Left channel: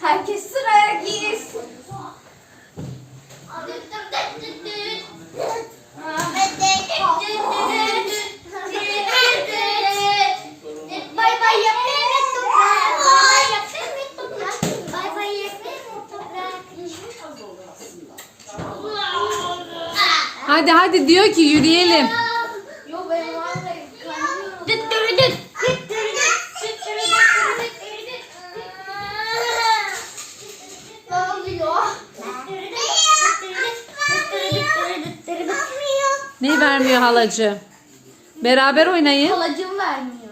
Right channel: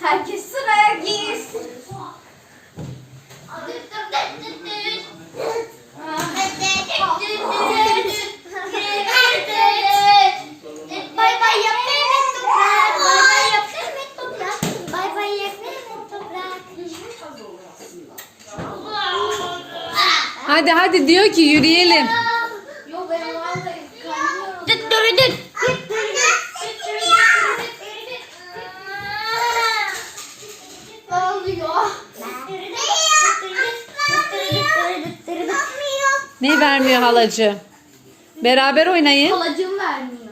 Herkes sıraya Hadi hadi diyor ki yürüyelim. Yo ben vallahi oluyor. Ne vermiyor halacı? Beraber oynayın. Halacım vermiyor.